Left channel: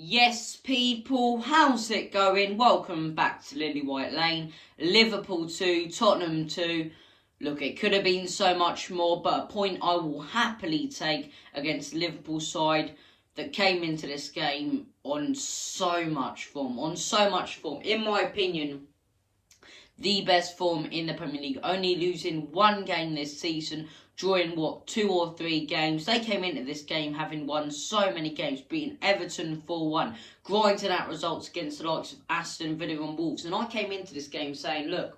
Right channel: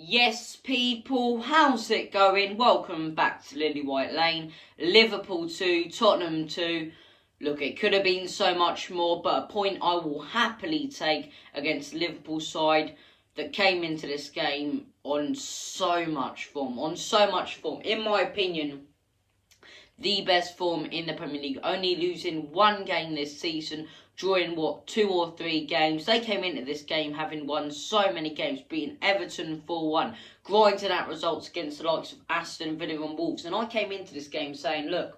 Yes, people, how's it going? Welcome back to Lily White Lane. Liverpool 2, Tottenham 2. Look, it could have been so much more, but a point I will happily take against Liverpool side that came into this game on so much form. In my opinion, the best form in the Premier League, only losing one game this season, drawing 2 or 3 games. They came into this game having won so many games, beating Everton 4-1, grinding out results against the likes of Aston Villa and Wolves. And I came into this game saying, look,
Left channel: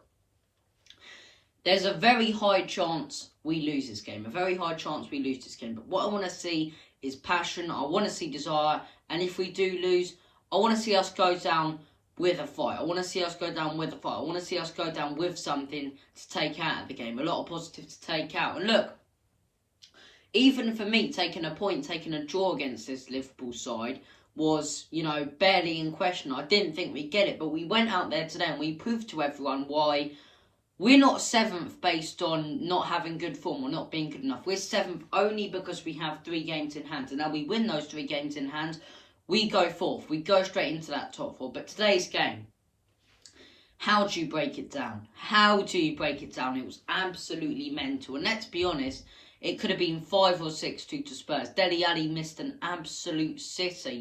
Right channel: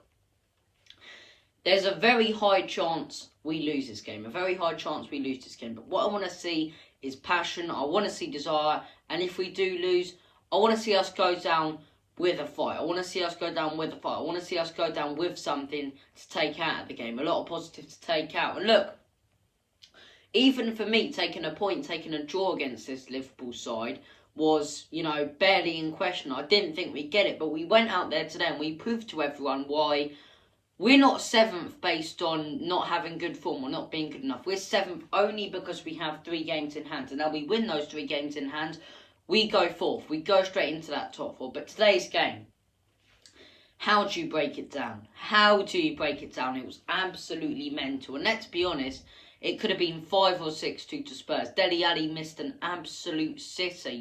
there's a very high chance we lose this game. But what I want to see is passion. I want to see desire. And if we do lose, I want to see us go down with a fight. I want to see us go down with something to take out of the game. A lot of positive to take out. And look, even for me, taking a draw against this Liverpool side was, barely in question. I didn't think we'd get it, but we went out there today and we proved to everyone why we're not 7th based on not having good form or not being good enough. We're 7th only because we have 3 games in hand. And now we win those 3 games in hand, we go 4th. We go straight into that top 4. But today's game, how do you break it down? It was absolutely mental. And let's be honest, it could have been 5 or 6-2 to Spurs. Dele Alli missed an absolute sitter,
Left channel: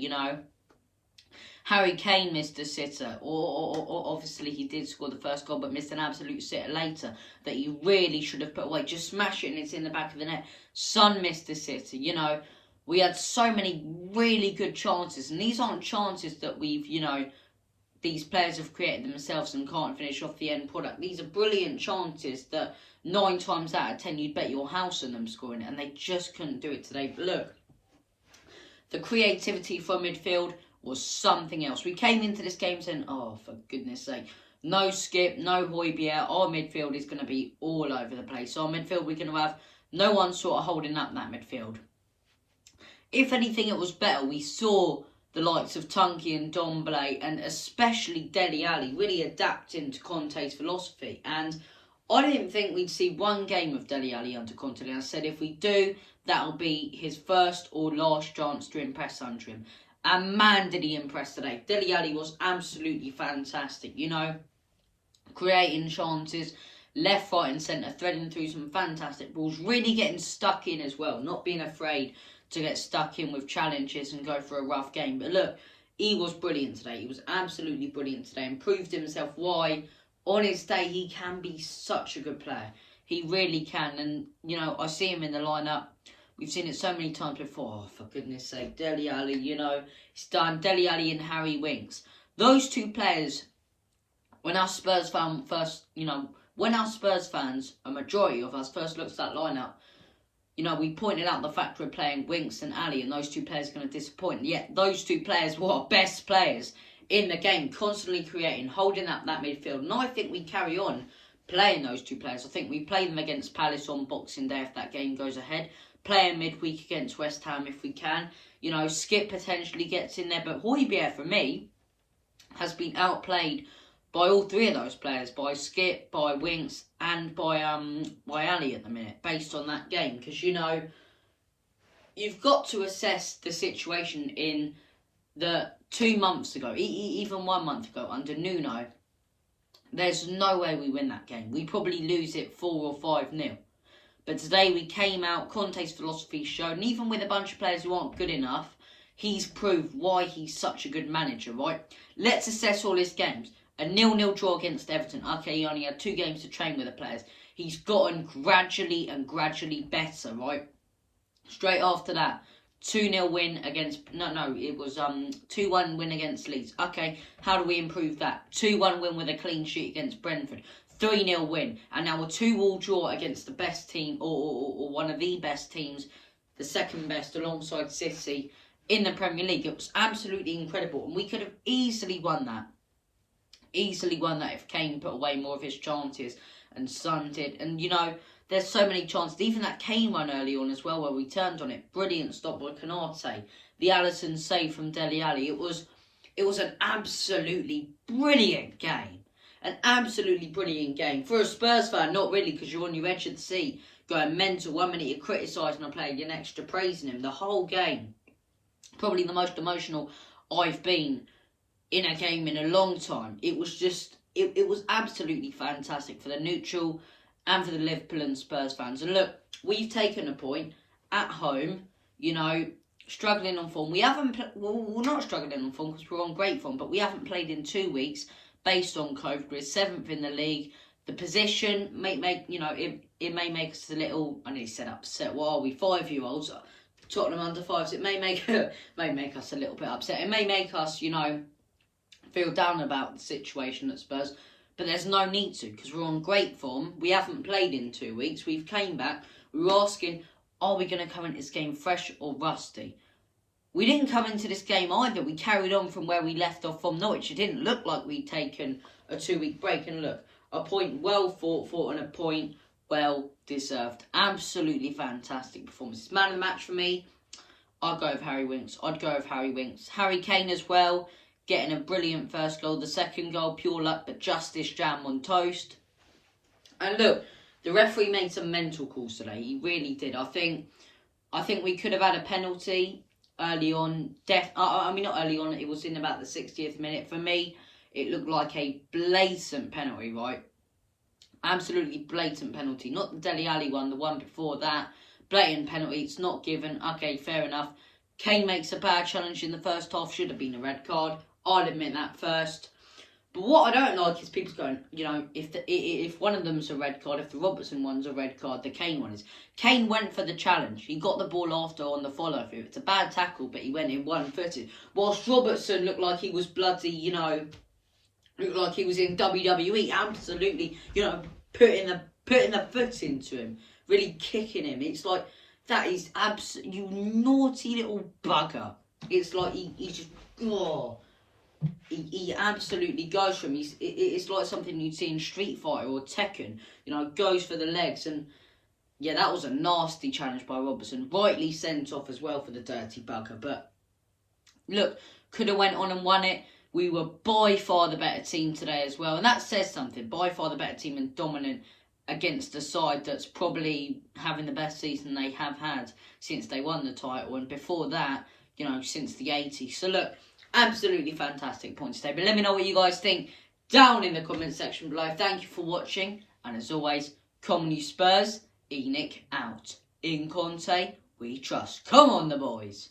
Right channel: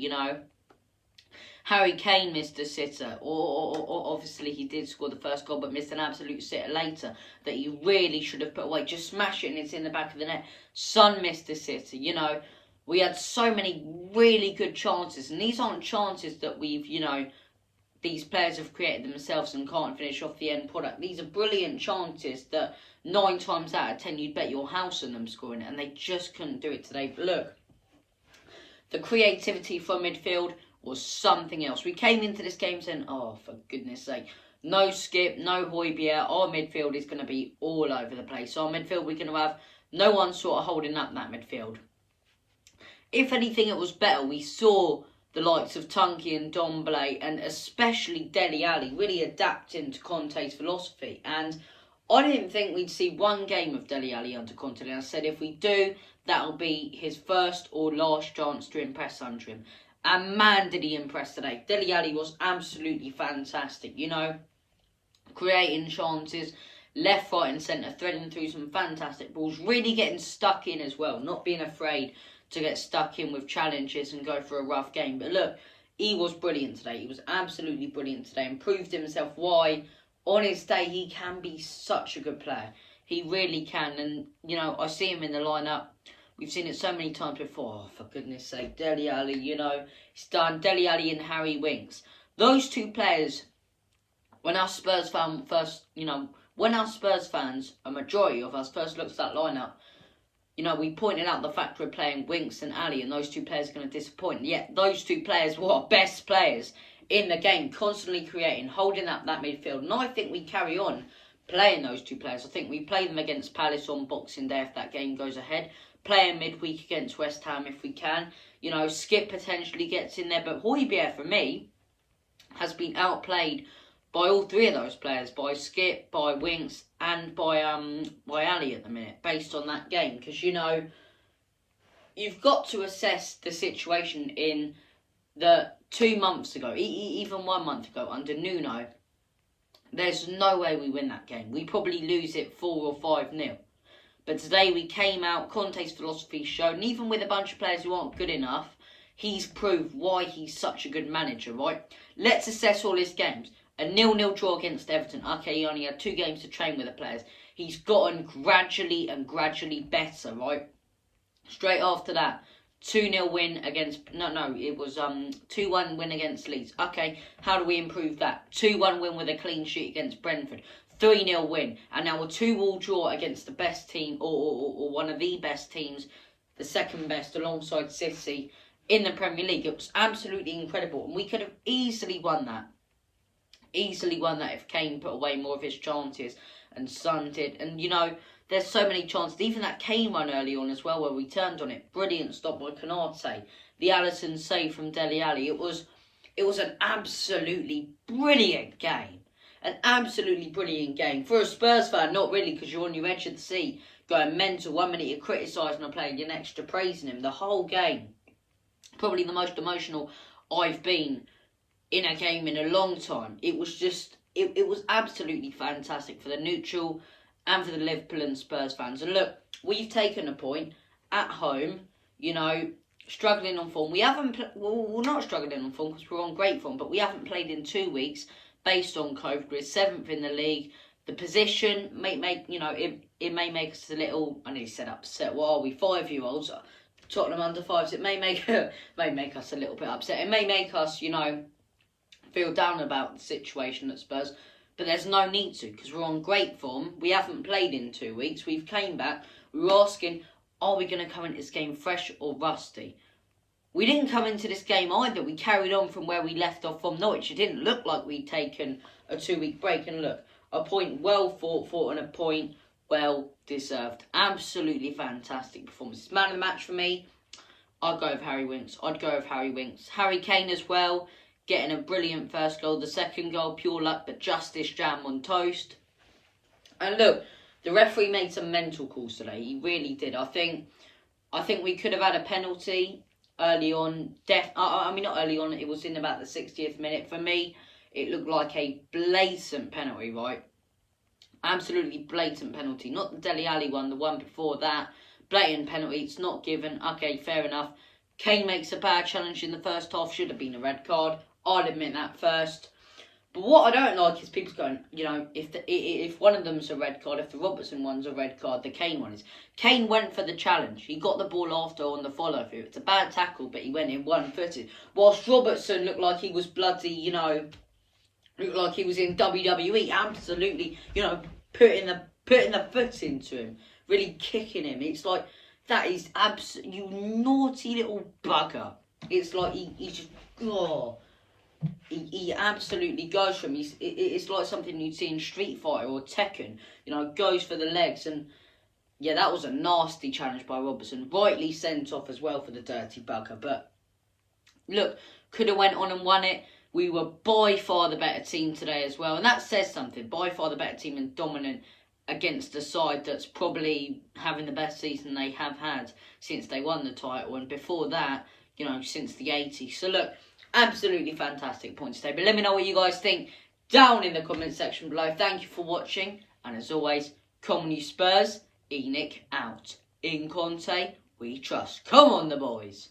Harry Kane missed a sitter. Or obviously he did score the first goal, but missed an absolute sitter later that he really should have put away. Just smash it and it's in the back of the net. Son missed a sitter, We had so many really good chances. And these aren't chances that we've, these players have created themselves and can't finish off the end product. These are brilliant chances that 9 times out of 10 you'd bet your house on them scoring it. And they just couldn't do it today. But look, the creativity from midfield was something else. We came into this game saying, oh, for goodness sake, no Skip, no Højbjerg. Our midfield is going to be all over the place. Our midfield, we're going to have no one sort of holding up that midfield. If anything, it was better. We saw the likes of Tunky and Domblé and especially Dele Alli really adapting to Conte's philosophy. And I didn't think we'd see one game of Dele Alli under Conte. And I said if we do, that'll be his first or last chance to impress under him. And man, did he impress today. Dele Alli was absolutely fantastic, creating chances, left, right and centre, threading through some fantastic balls, really getting stuck in as well, not being afraid to get stuck in with challenges and go for a rough game. But look, he was brilliant today. He was absolutely brilliant today and proved himself why, on his day, he can be such a good player. He really can. And, I see him in the lineup. We've seen it so many times before. Oh, for goodness sake, Dele Alli, he's done. Dele Alli and Harry Winks. Those 2 players, when our Spurs fans, a majority of us first looked at that lineup, we pointed out the fact we're playing Winks and Ali, and those 2 players are going to disappoint. Yet those 2 players were our best players in the game, constantly creating, holding up that midfield. And I think we carry on playing those 2 players. I think we play them against Palace on Boxing Day if that game goes ahead. Playing midweek against West Ham if we can. Skip potentially gets in there. But Højbjerg, for me, has been outplayed by all 3 of those players. By Skip, by Winks, and by Ali at the minute. Based on that game. Because, you've got to assess the situation in the 2 months ago. Even 1 month ago under Nuno. There's no way we win that game. We probably lose it 4 or 5-0. But today we came out, Conte's philosophy showed, and even with a bunch of players who aren't good enough, he's proved why he's such a good manager, right? Let's assess all his games. A 0-0 draw against Everton. Okay, he only had 2 games to train with the players. He's gotten gradually better, right? Straight after that, 2-0 win against... it was 2-1 win against Leeds. Okay, how do we improve that? 2-1 win with a clean sheet against Brentford. 3-0 win, and now a 2-2 draw against the best team, or one of the best teams, the second best alongside City in the Premier League. It was absolutely incredible, and we could have easily won that. If Kane put away more of his chances and Son did. And, there's so many chances. Even that Kane run early on as well where we turned on it. Brilliant stop by Konate. The Alisson save from Dele Alli. It was an absolutely brilliant game. An absolutely brilliant game. For a Spurs fan, not really, because you're on your edge of the seat, going mental. 1 minute you're criticising a player, the next you're praising him. The whole game Probably the most emotional I've been in a game in a long time. It was just, it was absolutely fantastic for the neutral and for the Liverpool and Spurs fans. And look, we've taken a point at home, you know, struggling on form. We haven't, we're not struggling on form because we're on great form, but we haven't played in 2 weeks based on COVID. We're 7th in the league. The position may make, you know, it may make us a little, I nearly said upset. What are we, 5-year-olds? Tottenham under 5s. It may make us a little bit upset. It may make us, you know, feel down about the situation at Spurs, but there's no need to because we're on great form. We haven't played in 2 weeks. We've came back. We were asking, are we going to come into this game fresh or rusty? We didn't come into this game either. We carried on from where we left off from Norwich. It didn't look like we'd taken a 2-week break. And look, a point well fought for and a point well deserved. Absolutely fantastic performance. Man of the match for me, I'd go with Harry Winks. Harry Kane as well, getting a brilliant first goal. The second goal, pure luck, but justice jam on toast. And look, the referee made some mental calls today. He really did. I think we could have had a penalty early on. I mean, not early on. It was in about the 60th minute. For me, it looked like a blatant penalty, right? Absolutely blatant penalty. Not the Dele Alli one, the one before that. Blatant penalty. It's not given. Okay, fair enough. Kane makes a bad challenge in the first half. Should have been a red card. I'll admit that first. But what I don't like is people going, you know, if one of them's a red card, if the Robertson one's a red card, the Kane one is. Kane went for the challenge. He got the ball after on the follow-through. It's a bad tackle, but he went in one-footed. Whilst Robertson looked like he was bloody, you know, looked like he was in WWE. Absolutely, you know, putting the foot into him. Really kicking him. It's like, that is you naughty little bugger. It's like he just, oh. He absolutely goes for him. It's like something you'd see in Street Fighter or Tekken. You know, goes for the legs. And yeah, that was a nasty challenge by Robertson. Rightly sent off as well for the dirty bugger. But look, could have went on and won it. We were by far the better team today as well. And that says something. By far the better team and dominant against a side that's probably having the best season they have had since they won the title. And before that, you know, since the 80s. So look, absolutely fantastic points today. But let me know what you guys think down in the comment section below. Thank you for watching. And as always, come on you Spurs. Enoch out. In Conte, we trust. Come on the boys.